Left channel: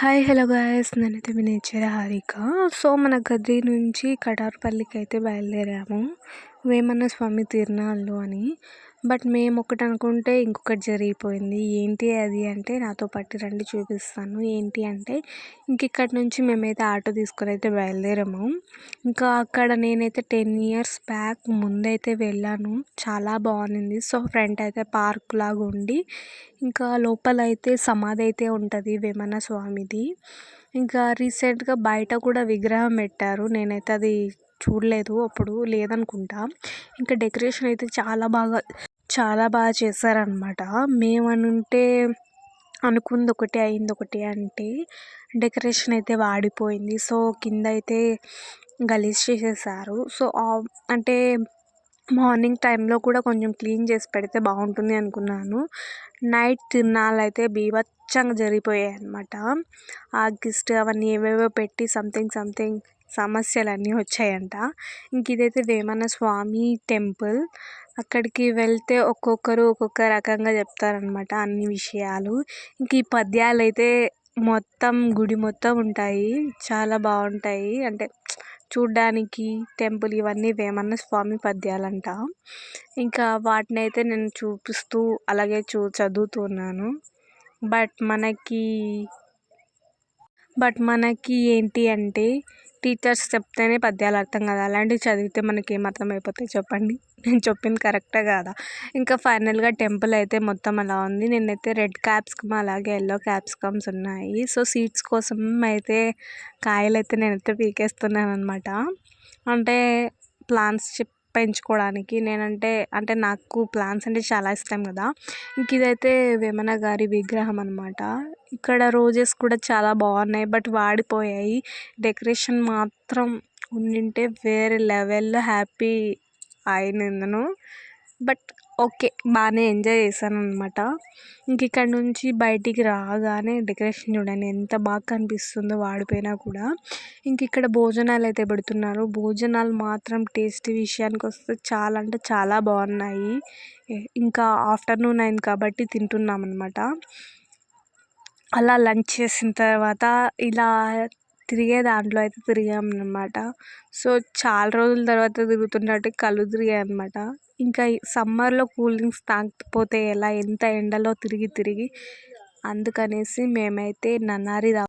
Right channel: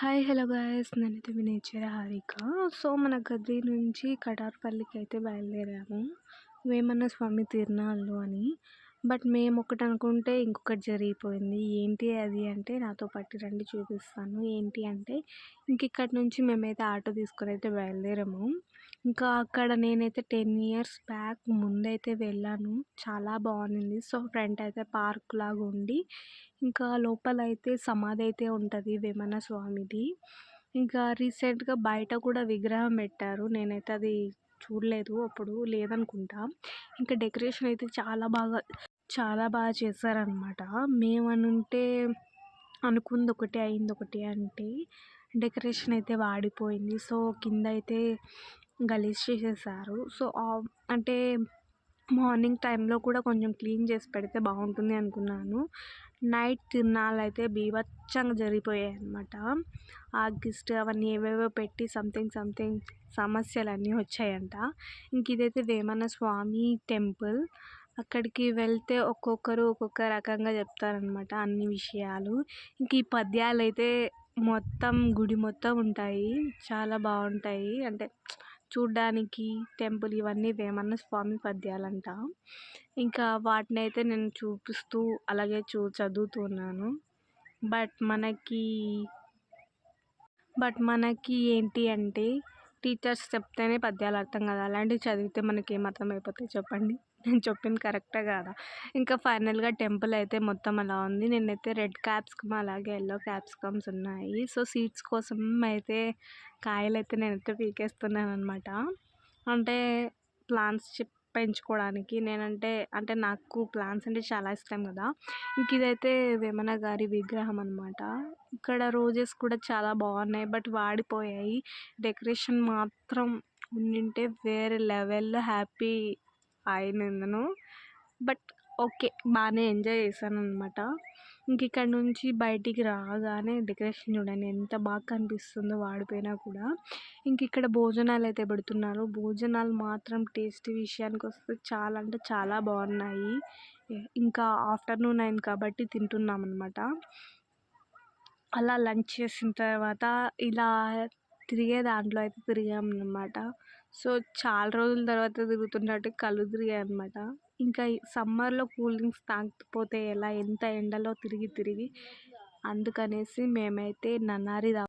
Hi hello guys, నేనైతే మీ nature Harika. So మన గది నుంచి కటారుపల్లికి అయితే బయలుదేరాము, వేమన్న స్వామి తిరునాళ్ళు అని. బట్ మేము ఒకటి అనుకుంటే ఇంకొకటి జరిగిపోయింది. ఏంటి అది అంటే, నాతో పాటు రండి చూపిస్తాను. ఏంటి అంటే, ఇంక ఇక్కడి నుంచి మేమైతే ఆటో తీసుకొని అయితే బయలుదేరాము. ఇంకా అక్కడ నేనైతే 10 ఇయర్స్ బ్యాక్ ముందైతే వెళ్ళాను, చాలా బాగుంది. సో ఫ్రంట్ అయితే పార్క్ లాగా ఉండి, ఇంకా లోపలైతే సమాధి అయితే ఉంటుంది వేమన్న స్వామిది. ఇంకా రీసెంట్గా బయట కూడా విగ్రహం పెట్టారు, నేనైతే అది చూడలేదు, అప్పుడు లేదనుకుంటా. ఇంకా డెకరేషన్ అయితే చాలా బాగా చేశారనమాట. మేమనుంటే అనుకుంది ఒకటి అయింది ఒకటి అంటే, డెకరేషన్ అయితే వాడిపోయింది. సో కింద అయితే గలీజ్ చేసేసారు. సో అంటే మార్నింగ్ టైంలో కూడా కొంచెం క్లీన్ చేసి పెడితే బాగుంటుంది అనుకున్నాను. నైట్ తిరునాళ్ళు అయితే బీభత్సంగా జరిగిపోయాయి అనమాట. ఆర్కెస్ట్రా అవన్నీ ఏవేవో పెట్టి సంథింగ్ సమస్యలన్నీ వచ్చాయంట. ఇంక ఇదైతే వేమన్న స్వామి టెంపుల్. అక్కడికి వెళ్తే ఒక్కొక్కరు ఒక్కొక్క రకంగా చెప్తారనమాట అన్ని విషయాలు. ఇంక ఈ పద్యాలు అయితే మొత్తం గుడి మొత్తం ఉంటాయి, చాలా బాగుంటాయి. అంటే చూడ్డానికి టెంపుల్ ఇవన్నీ వేమన్న స్వామి పద్యాలంట. ఇంకా వాటిని అయితే నేను చూపిస్తూ అలాగే చదువుతున్నాను. బట్ మనకి ఏంటి అంటే, టీచర్స్ చెప్తేనే పద్యాలు అర్థం కాదు, అలాంటివి చదివితే మనకి ఏం అర్థం అయిపోతాయి చెప్పండి. నేను చెప్పింది కరెక్టే కాదా? ఇంకా ఫైనల్గా టెంపుల్ అయితే మొత్తం అలా ఉంది. నేనైతే రెడ్ క్యాప్సికమ్ అలాగే ఎల్లో క్యాప్సికమ్స్ ఉన్నాయి. సో సీడ్స్ కోసం అయితే కాయలైతే నేనైతే పీకేస్తున్నాను అనమాట. అంటే ప్లాంట్స్ పెంచుకోవడానికి. అంటే నాకు ప్లాంట్స్ అంటే చాలా ఇష్టం కదా. ఇంక ఇదైతే వేమన గారి విగ్రహం అనమాట. ఇక్కడ రోజెస్ కూడా చాలా బాగున్నాయి, బట్ వాడిపోయాయి. డెకరేషన్ మాత్రం ఉండింటే వేరే లెవెల్లో హ్యాపీ అయినందును. బట్ ఓకే, బాగానే ఎంజాయ్ చేశాను అనమాట. ఇంక ఇక్కడ నుంచి బయటికి రాగానే డెకరేషన్ చూడండి ఎంత బాగా కనిపిస్తుందో వాడిపోయినా కూడా. ఇంక ఇక్కడ భోజనాలు అయితే పెడుతున్నారు. భోజనాలు మాత్రం టేస్ట్ విషయానికి వస్తే చాలా అంటే చాలా బాగున్నాయి. ఇంకా ఆఫ్టర్నూన్ అయింది కాబట్టి తింటున్నాం అనమాట. అలా లంచ్ చేసిన తర్వాత ఇలా తిరిగే దాంట్లో అయితే తిరిగామన్నమాట. సో చాలా రోజుల తర్వాత తిరుగుతున్నట్టు కళ్ళు తిరిగాయి అనమాట. ఇంకా ఈ సమ్మర్లో కూల్ డ్రింక్స్ తాగకపోతే ఎలా, ఎంత ఎండలో తిరిగి అందుకనేసి మేమైతే నన్నారి